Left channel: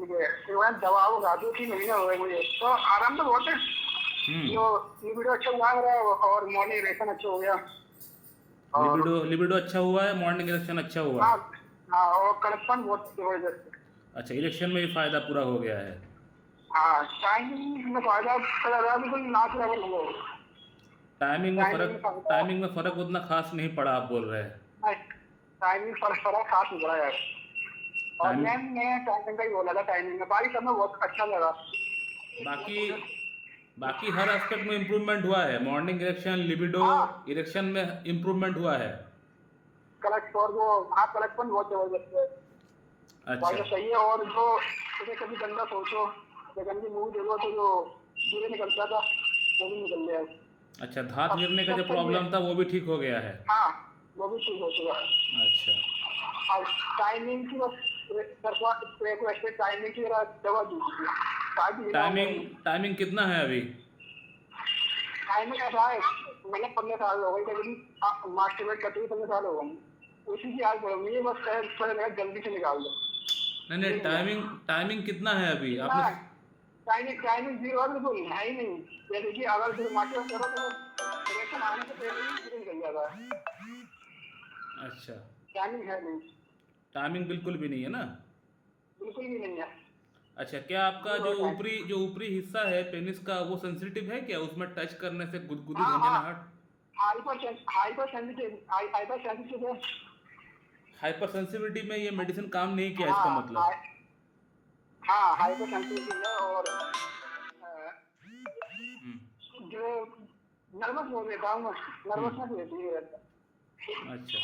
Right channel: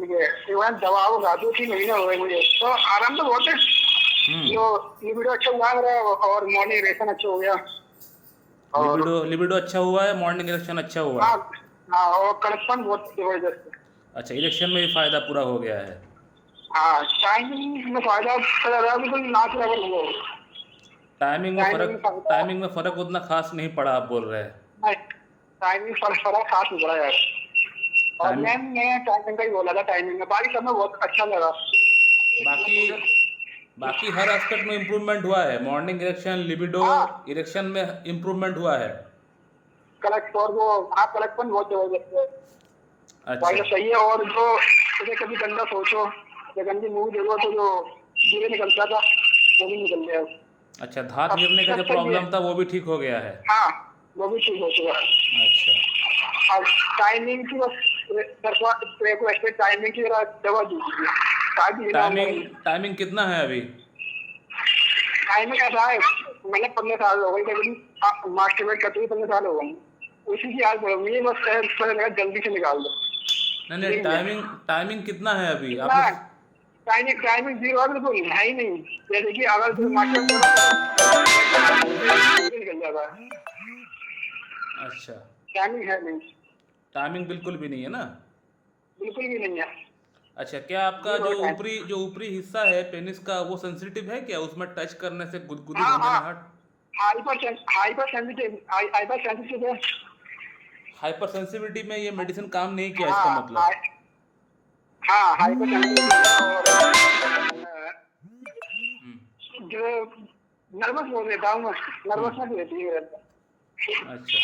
ठीक है, इवन दवा वगैरह 2-3 महीने हो गए मुझे, तो आराम तो बहुत है। हम्म। जो लिबिडो अच्छा हुआ मेरा, और मॉर्निंग इरेक्शन अच्छा हो गया, और लिबिडो लिबिडो अच्छा हुआ है, मॉर्निंग इरेक्शन अच्छा हुआ हाँ है। हाँ, और कड़कपन बहुत जबरदस्त है। अच्छा, इरेक्शन में भी फायदा पूरा हो गया है। हाँ, टाइमिंग में फायदा चला रहा, बिल्कुल नाक लेवल हो गया। टाइमिंग में टाइमिंग फर्क में फायदा टाइमिंग में फर्क उतना खास नहीं पड़ा, आप बोल रहे हैं। नहीं, टाइमिंग फर्क खास नहीं पड़ा यार। और टाइम मैं टाइमिंग का ही बोला था, टाइमिंग में बाकी सब में बहुत अच्छा लगा। बाकी बाकी हर एस्पेक्ट में इम्प्रूवमेंट हुआ है, मॉर्निंग इरेक्शन, लिबिडो हाँ, इरेक्शन में इम्प्रूवमेंट हुआ है। कलेक्ट और वो, हाँ कलेक्टपन बहुत जबरदस्त है। भाई अच्छा। तो सही है। और जो जैसे कभी गंदा सोचो या गंदी मूवी देखो तो जो धीरे निकलता था वो भी निकल गया। अच्छा, धात अब गिरने का जो सब सही है। प्रॉब्लम था वो भी ठीक हो गया है। हाँ, वो भी ठीक हो चुका है। अच्छा। अब टाइमिंग की बस टाइमिंग की जरा दवा दीजिए, शायद ये होगा टाइमिंग नहीं। टाइमिंग कितना है अभी? टाइमिंग ऐसा है, मैंने 15 साल हो गए कभी मास्टरबेट करते हुए, 15 साल हो गए। उसी की याद पड़ मुझे, बस जल्दी से निकाल दो। नहीं नहीं, यही है। टाइमिंग टाइमिंग कितना है अभी कितना आपने? है? टाइमिंग टाइमिंग जीरो है, बिल्कुल है ही नहीं। जैसे कि अगर कोई मास्टर निकल जाता है। अच्छा, टाइमिंग है नहीं, टाइमिंग बिल्कुल भी नहीं है ना? बिल्कुल भी नहीं है। अच्छा, क्या आपका जीरो टाइम। जो ऊपरी हिस्सा है पेनिस का, वो सेंसिटिव है क्या? उसमें टच करने से गुदगुदी, हाँ हाँ, झंझनाहट? हाइपर सेंसिटिव है। हाइपर सेंसिटिविटी में ये मेडिसिन काम नहीं किया, इसका हाँ मतलब? हाँ, हाइपर सेंसिटिव है। और जो नर्वस हो रहता हूँ मैं, हम्म। नर्वसनेस रहती है मेरे अंदर। अच्छा,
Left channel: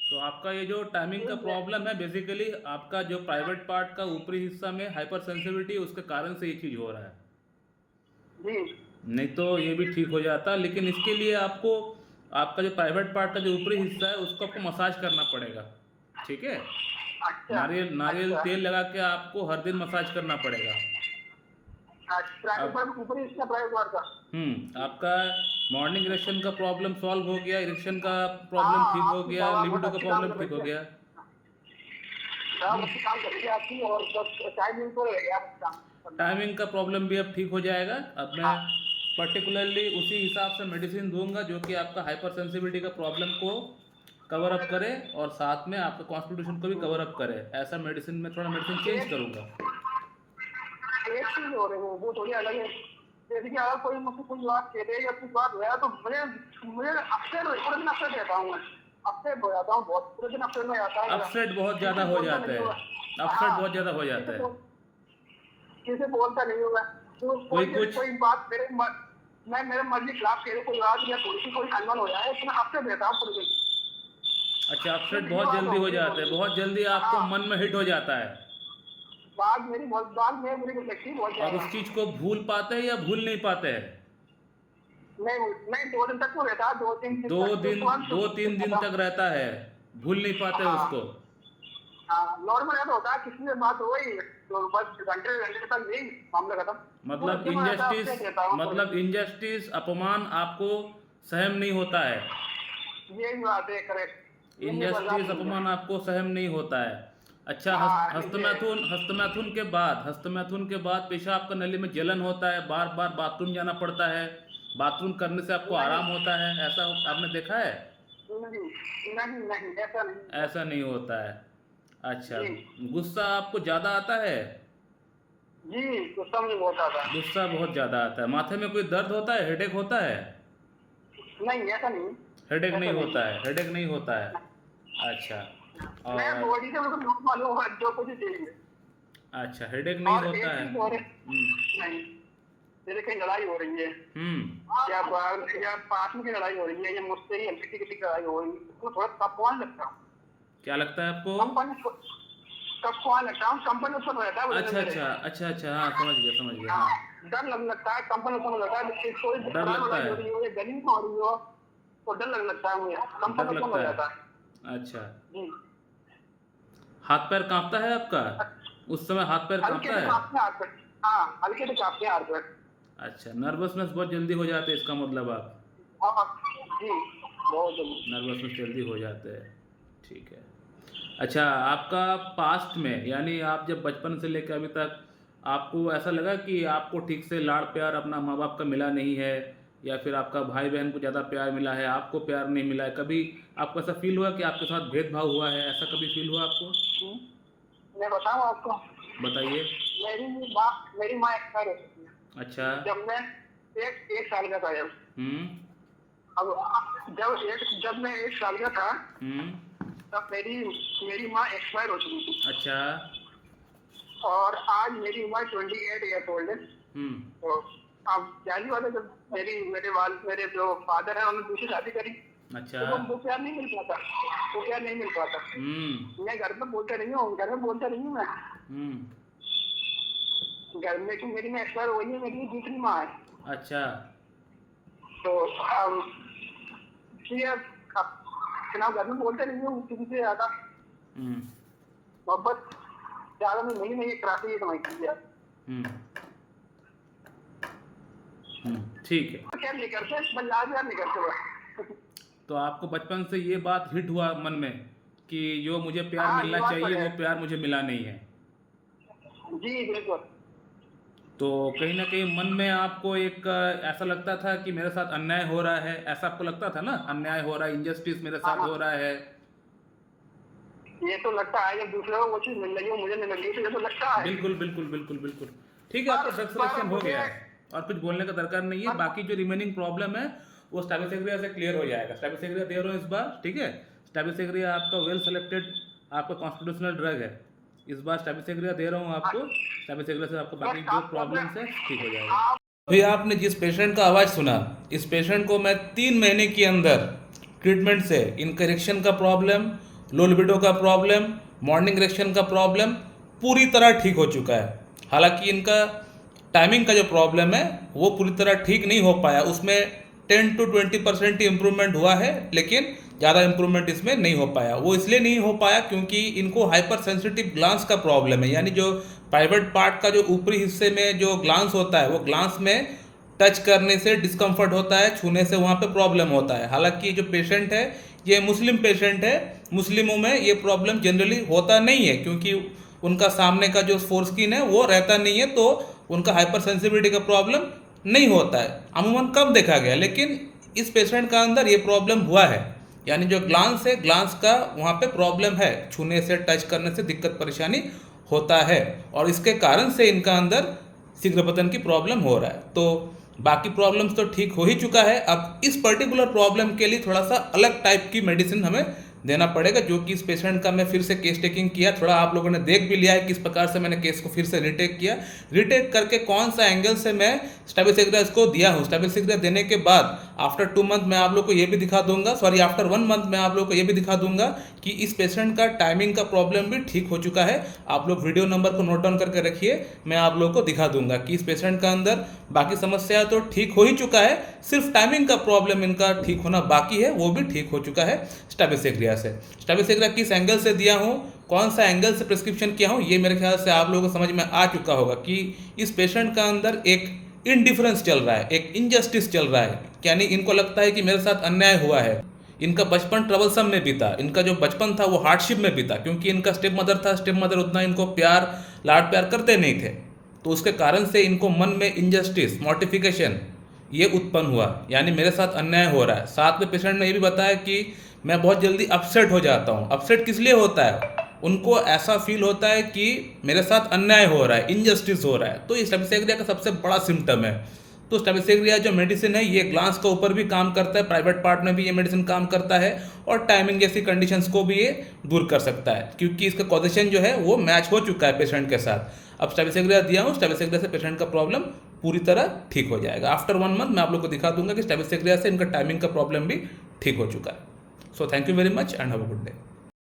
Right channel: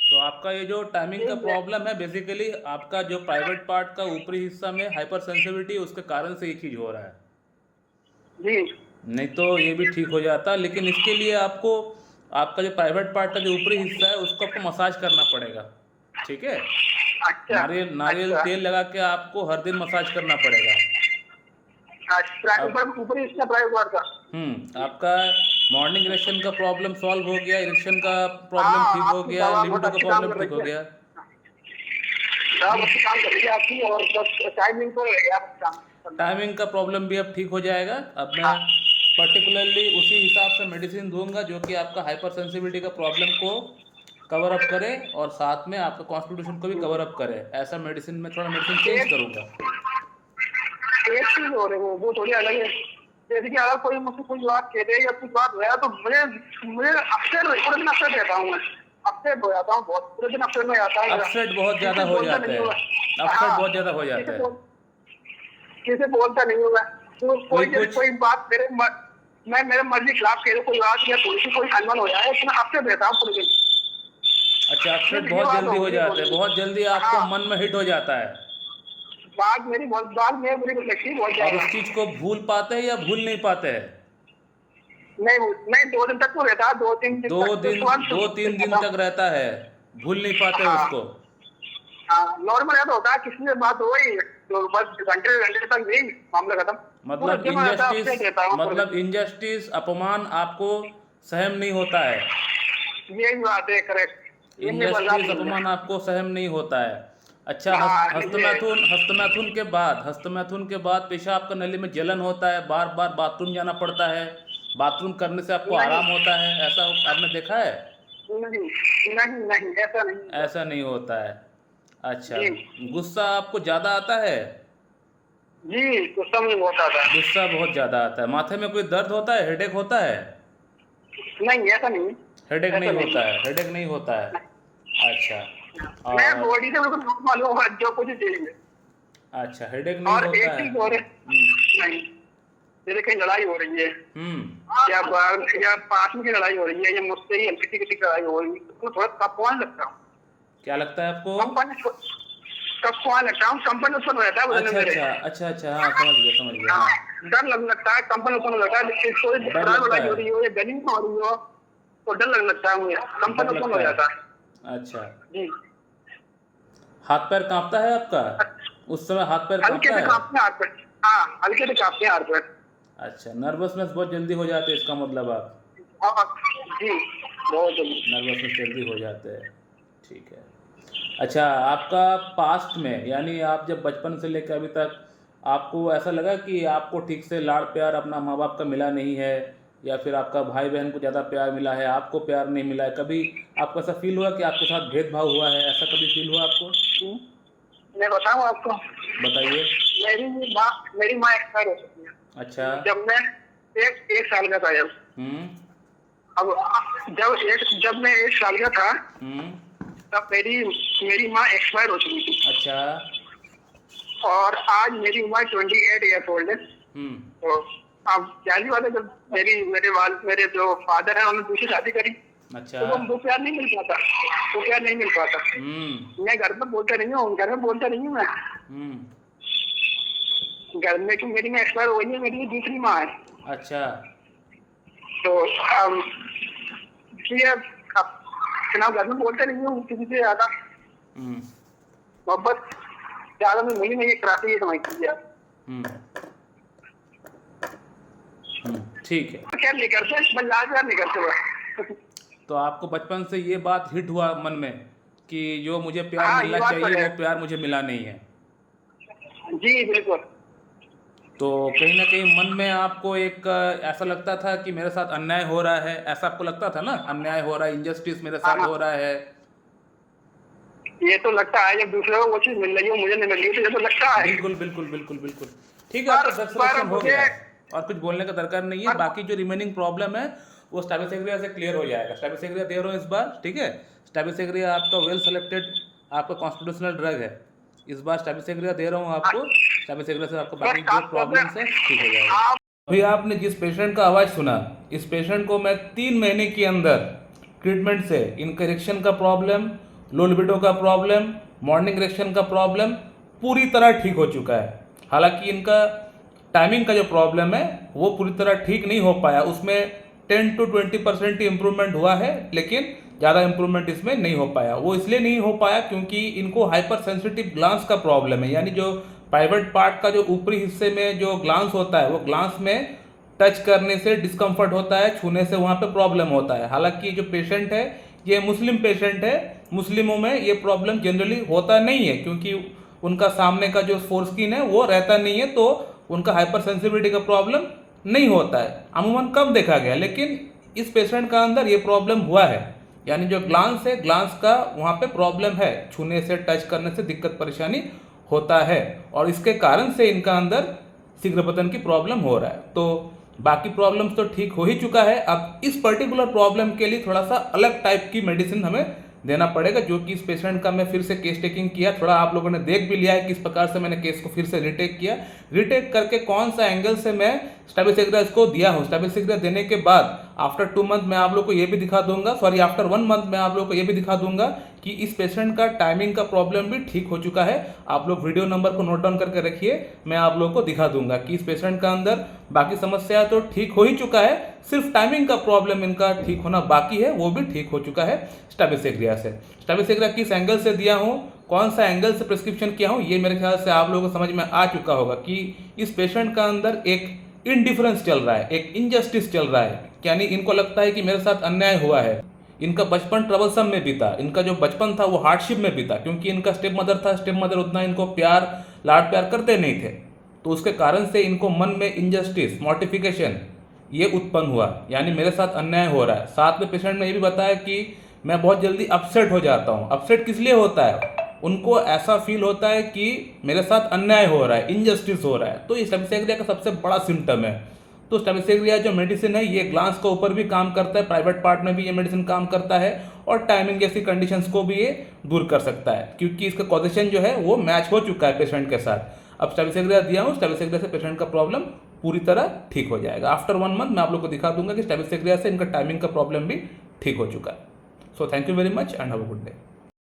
तो आपका ये जो टाइमिंग का ठीक है। प्रॉब्लम है, बेसिकली आपका जो प्राइवेट पार्ट का ऊपरी हिस्सा में हाइपर सेंसिटिविटी, उसके कारण से ये चीज़ हो रहा है। जी। नहीं तो ये भी ठीक हो जाता, लेकिन इसके लिए आपको आपका जो प्राइवेट पार्ट का जो ऊपरी हिस्सा है उसको आपको मसाज करना पड़ेगा। ठीक है? अच्छा नारियल नारियल अच्छा तेल लगा के आपको हर दिन मसाज करना पड़ेगा। अच्छा, अब ऊपर इसका प्राइवेट पार्ट का। आपका मॉर्निंग इरेक्शन का प्रॉब्लम सॉल्व हो गया, इरेक्शन का प्रॉब्लम ठीक हाँ, हो आपकी गया, दवा बहुत लिबिडो का अच्छी काम प्रॉब्लम कर ठीक हो रही है। गया। दवा बहुत अच्छी काम कर रही है आपकी, और बस टाइमिंग को आप काम करना। टाइमिंग का प्रॉब्लम भी अब ठीक हो जाएगा। अब मैं हाँ पर्टिकुलरली उसी हिसाब से मेडिसिन दूंगा जो कि आपका हाइपर सेंसिटिविटी का प्रॉब्लम को कवर अप करे और साथ में आपका कॉन्स्टिट्यूशन को भी कवर अप करे। ऐसा मेडिसिन में थोड़ा मेडिसिन चेंज एक करूंगा। एक चीज हो रही है, वो थोड़ी अलग है। जैसे कि अगर कोई मुझसे कुछ बात कह दे या कुछ बात हो तो मुझे मुझे अपसेट, पूरे दिन अपसेट रहता हूँ मैं। अपसेट हो जाता हूँ बहुत, पूरे दिन अपसेट में जाता है मेरा। अपसेट बहुत किसी ज़्यादा से हो बोलता जाता नहीं है। हूँ मैं। अपसेट हाँ, बहुत ज़्यादा हो किसी जाता है। को किसी से बोलता नहीं हूँ मैं। तो कोई कोई जैसे कुछ कोई बात मैं मेरे मर्जी के खिलाफ कह दूँ कोई बात, या थोड़ी सी कोई अनबन हो जाए तो मैं अपसेट रहता हूँ पूरे दिन। अच्छा, ये अपसेट ये बहुत बात जल्दी हो हो गई है जाते थोड़ी हैं, सी। बहुत जल्दी आपको हाँ, मन में हिट हो जाता है। बात मेरी बुरी लगती है बहुत और ज्यादा। उस चीज़ को भूल पाते हैं या भूल नहीं पाते हैं? नहीं नहीं, 2 दिन तक तो रहता है, 2-3 दिन तक तो उसके बाद दो भूल तीन दिन जाता तक हूँ। रहता है, भूल नहीं पाते हाँ उसको। हाँ, नॉर्मल ऐसा होता है, किसी से बात हो गई तो बस घंटे घंटे तक नहीं, मामला खत्म। पूरे मतलब दिन में रहता है, इनजस्टिस अपसेट रहता हूँ पूरे मतलब दिन। इनजस्टिस, अपमान आपको सहन नहीं होता है। यही बात है, करेक्ट, ये मेरे बर्दाश्त इनजस्टिस, नहीं है। अपमान आपको सहन नहीं होता है। अच्छा, हाँ ये। हस्तमैथुन के बाद पेशाब का नली में जलन होता है, बार बार बाथरूम जाना पड़ता है, बाथरूम करने से आपको नहीं आराम होता है, ऐसा आपने देखा है? नहीं नहीं नहीं, ऐसा नहीं है। ऐसा नहीं होता है। अच्छा, जी गुस्सा आपको ज़्यादा आता है? जी, गुस्सा मुझे बहुत आता है। गुस्सा बहुत ज़्यादा आता है। माथे में कोई दर्द होता है, हेडेक होता है? नहीं, ऐसा नहीं है। हेडेक नहीं ऐसा नहीं होता है। है, हेडेक नहीं होता है। अच्छा। मैं और बॉडी से बिल्कुल नॉर्मल हूँ, जो कुछ चाहिए। अच्छा, हेडेक नहीं और होता एक है। चीज और है। नहीं, जैसे कहीं लड़ाई हो रही है, हम्म। या पास में की लड़ाई हो रही है, या मुझसे ही हल्की किसी की लड़ाई हो रही है, तो थोड़ा कपवान लगता हूँ। क्या लगता है आपको? कंपन कपवान लगता हूँ, कंपन उत्पन्न रहता है बदन में अच्छा मेरे। अच्छा अच्छा अच्छा, हाँ समझ गया समझ गया, हाँ, हाँ। डर लगने लगता है, कंपन उत्पन्न लगता है, जिससे कोई डर लड़ाई लगता वड़ाई है। हो रही हो या गली में हो रही हो तो डर लगने लगता है मुझे, कंपन डर उत्पन्न हो लगता जाता है। है। अच्छा। जी। हाथ पैर कांपता है आपका? उस समय हाथ पैर हल्के कांपता से है? कांपते हैं हाथ पे। हाँ, हल्के से कांपते हैं हाथ पे। अच्छा, नर्वसनेस बहुत जल्दी हो जाते हैं, इसका मतलब आप हाँ जी, बहुत जल्दी। नर्वसनेस जल्दी हो जाते हैं। ठीक है। अच्छा, आपका पास्ट में यानी आप जब बचपन से लेकर अभी तक आपको ऐसा लगा कि आपको ठीक से लाड़ प्यार अपना माँ बाप का मिला नहीं है, या फिर आपका भाई बहन को ज़्यादा प्यार मिला है, आपको प्यार नहीं मिला है, कभी आपको ऐसा फील हुआ कि आपके साथ भेदभाव हुआ है, ऐसा कभी फील हुआ आपको? मैं बताऊँ आपको, बताइए। मेरी माँ एक्सपायर हो चुकी है अच्छा। जब मैं एक साल का था। हम्म। अब जब मैं 1 साल का था, हम्म। तब मेरी माँ एक्सपायर हो चुकी थी। अच्छा। और आज मेरी उम्र 28 ईयर्स ओल्ड है। हम्म। तो अब जानी बात है, जब मेरे जो फादर है उन्होंने दूसरी शादी करी, अच्छा। तो वो प्यार नहीं मिल पाता, मैं घर में बोलता नहीं हूँ मैं। घर में कि मेरी माँ एक्सपायर हो गई है, मेरी दूसरी माँ है। अच्छा। तो इसलिए अब घर में बोलते नहीं हूँ किसी से ज्यादा मोहब्बत ज्यादा में मुझे नहीं कराती है, समझती है। ठीक है। क्या नहीं करते, बस लाज नहीं करते बस। तो आपको बचपन से ये बात हिट हुआ मन में कि जो मुझे प्यार हाँ, मिलना ये बात तो चाहिए है। वो प्यार मुझे मिला नहीं है। जी बिल्कुल। तो कहीं ना कहीं मन में आपको एक ऐसा लगता था कि मेरे साथ अन्याय हो रहा है, ऐसा आपको लगता था ना, अन्याय हो रहा है, इंजस्टिस मेरे साथ हाँ। हो रहा है। ये तो लगता है, जब दूसरे को वो चीज मिल रही हो मुझे नहीं मिल रही, तो ये तो लगता है। बिल्कुल बिल्कुल बिल्कुल बिल्कुल। ठीक है, आपका ड्रग सिलेक्शन हो गया है और कुछ बोलने का दरकार नहीं है। बाकी जो रिमेनिंग प्रॉब्लम है वो स्टैबिसेग्रिया से क्लियर हो जाएगा। स्टैबिसेग्रिया दे रहा हूँ इस बार, ठीक है। स्टैबिसेग्रिया आपका वेल सेलेक्टेड आपका कॉन्स्टिट्यूशनल ड्रग है। इस बार स्टैबिसेग्रिया दे रहा हूँ आपको। स्टैबिसेग्रिया से आपका बाकी जो प्रॉब्लम्स है ठीक हो जाएगा। अभी आपने जिस पेशेंट का आवाज़ सुना, इस पेशेंट को मैं 3 महीने के अंदर ट्रीटमेंट से इनका इरेक्शन का प्रॉब्लम, लो लिबिडो का प्रॉब्लम, मॉर्निंग इरेक्शन का प्रॉब्लम पूरी तरह ठीक हो चुका है। हालांकि इनका टाइमिंग का जो प्रॉब्लम है वो पूरी तरह ठीक नहीं हो पाया, उसमें 10 to 20% ही इम्प्रूवमेंट हुआ है, लेकिन ज़्यादा इम्प्रूवमेंट इसमें नहीं हो पाया। वो इसलिए नहीं हो पाया क्योंकि इनको हाइपर सेंसिटिव ग्लांस का प्रॉब्लम है, यानी जो प्राइवेट पार्ट का जो ऊपरी हिस्से में जो ग्लांस होता है वो ग्लांस में टच करने से डिस्कम्फर्ट होता है, छूने से वहाँ पे प्रॉब्लम होता है। हालांकि जो पेशेंट है ये मुस्लिम पेशेंट है, मुस्लिमों में ये प्रॉब्लम जनरली होता नहीं है क्योंकि उनका सामने का जो फोरस्किन है वो रहता नहीं है, तो उनका हाइपर सेंसिटिविटी का प्रॉब्लम नहीं होता है, अमूमन कम देखा गया। लेकिन इस पेशेंट का अंदर ये प्रॉब्लम हुआ है, यानी जो ग्लांस है ग्लांस का वहाँ पे प्रॉब्लम है, छूने से टच करने से दिक्कत परेशानी होता है और इसके कारण से इनका अंदर शीघ्र पतन की प्रॉब्लम हो रहा है। तो बाकी प्रॉब्लम्स तो ठीक हो ही चुका है। अब इस पर्टिकुलर प्रॉब्लम के लिए थोड़ा सा अलग टाइप की मेडिसिन हमें देना पड़ेगा, जो कि इस पेशेंट का मैं फिर से केस टेकिंग किया, थोड़ा आप लोगों ने देख भी लिया है किस प्रकार से मैंने केस को फिर से रिटेक किया, रिटेक करके कौन सा एंगल से मैं स्टैबिसेग्रिया इसको दिया हूँ। स्टैबिसेग्रिया देने के बाद आफ्टर 2 मंथ मैं आप लोग को ये भी दिखा दूंगा, आफ्टर 1 मंथ मैं आप लोग को ये भी दिखा दूंगा कि इस पेशेंट का टाइमिंग का प्रॉब्लम भी ठीक हो चुका है। आप लोग वीडियो नंबर को नोट डाउन करके रखिए, मैं आप लोग को दिखा दूंगा कि इस पेशेंट का अंदर बाकी समस्या तो ठीक हो ही चुका है, सिर्फ टाइमिंग का प्रॉब्लम इनका ठीक होना बाकी है, वो भी ठीक हो चुका है स्टैबिसेग्रिया से। स्टैबिसेग्रिया किस एंगल से दिया हूँ, कौन सा एंगल से प्रिस्क्रिप्शन किया हूँ, ये मेरे ख्याल से आप लोगों को समझ में आ चुका होगा कि इस पेशेंट का अंदर एक इनडिफरेंस चल रहा है, एक इनजस्टिस चल रहा है, यानी इनको लगता है कि मेरे साथ अन्याय हुआ है। इनका बचपन ट्रबलसम में बीता, इनका जो बचपन था वो हार्डशिप में बीता, क्योंकि इनका स्टेप मदर था, स्टेप मदर उतना इनको प्यार लाड प्यार करते नहीं थे, तो उसके कारण से इनको मन में इनजस्टिस मॉर्टिफिकेशन ये उत्पन्न हुआ, यानी मेरे साथ अन्याय हो रहा है। साथ में पेशेंट ने ये भी बताया कि मैं बहुत जल्दी अपसेट हो जाता हूँ। अपसेट किस लिए होता है, उनको ऐसा फील होता है कि मेरे साथ अन्याय हो रहा है, इनजस्टिस हो रहा है, तो ये स्टैबिसेग्रिया का सबसे बड़ा सिम्टम है। तो स्टैबिसेग्रिया जो मेडिसिन है ये ग्लांस के ऊपर भी काम करता है, प्राइवेट पार्ट में भी ये मेडिसिन काम करता है और टाइमिंग जैसी कंडीशंस को भी ये दूर कर सकता है, क्योंकि इसका कॉजेशन जो है वो मैच हो चुका है पेशेंट के साथ। अब स्टैबिसेग्रिया दिया हूँ, स्टैबिसेग्रिया से पेशेंट का प्रॉब्लम पूरी तरह ठीक हो जाएगा। आफ्टर 1 मंथ मैं आप लोग को दिखा दूंगा कि स्टैबिसेग्रिया से इनका टाइमिंग का प्रॉब्लम भी ठीक हो चुका है। So thank you very much and have a good day.